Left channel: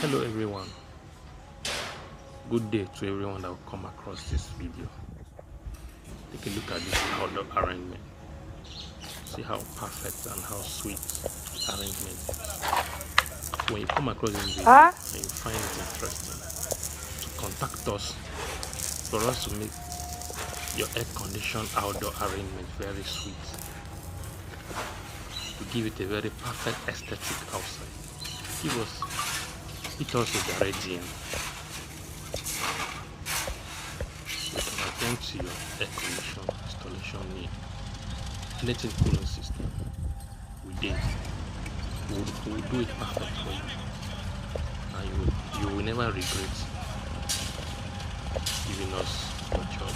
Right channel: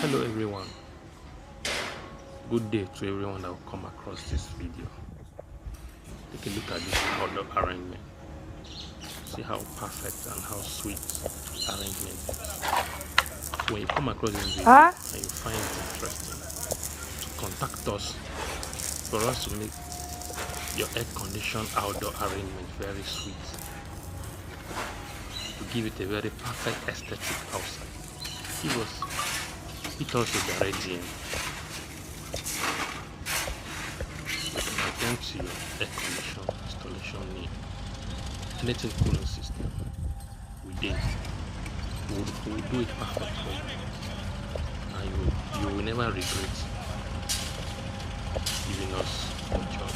Hello everyone, good day to everyone that will come across this video. Take a look at this outdoor arrangement. See how perfect and how sweet the arrangement is. So when you come across this video and you find it interesting, to contact us for us to make your air-conditioned outdoor arrangement very sweet, to give it a very perfect aesthetic outside. Hit us a direct DM. We can attend to your air condition installation need. Anything cooling system, we will do it perfect for you, and you will never regret giving us your job.